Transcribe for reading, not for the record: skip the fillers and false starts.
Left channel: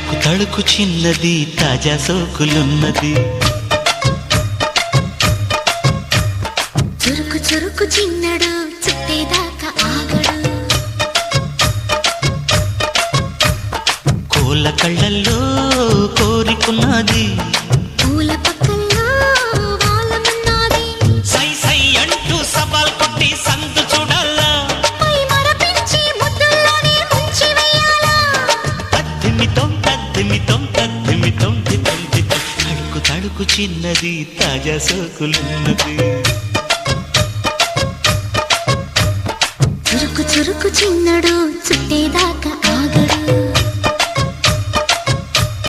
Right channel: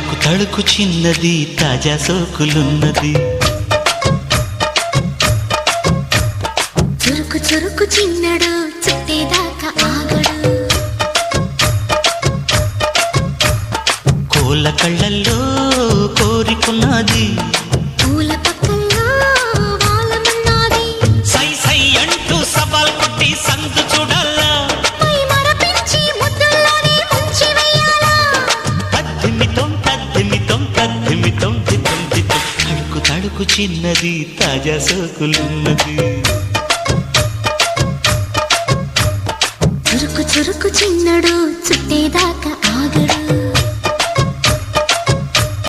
తళుకు తళుకు చిన్నది తాజా సోకులున్నది. చురుకు చురుకు చిన్నడు చుట్టేదాకా ఆగడు. కోళ్ళ కళ్ళల్లో కోరికున్నది. పూల పక్కల్లో వాలమన్నది. సై సై అంటూ సవాల్ కొట్టి సందు చూడాలా. పై మరపించి ముద్దుల్లోనే ముంచి వెయ్యాలా. తద్దిమితం తద్దిమితం తద్దిమితం దితం దితం. తళుకు తళుకు చిన్నది తాజా సోకులున్నది. చురుకు చురుకు చిన్నడు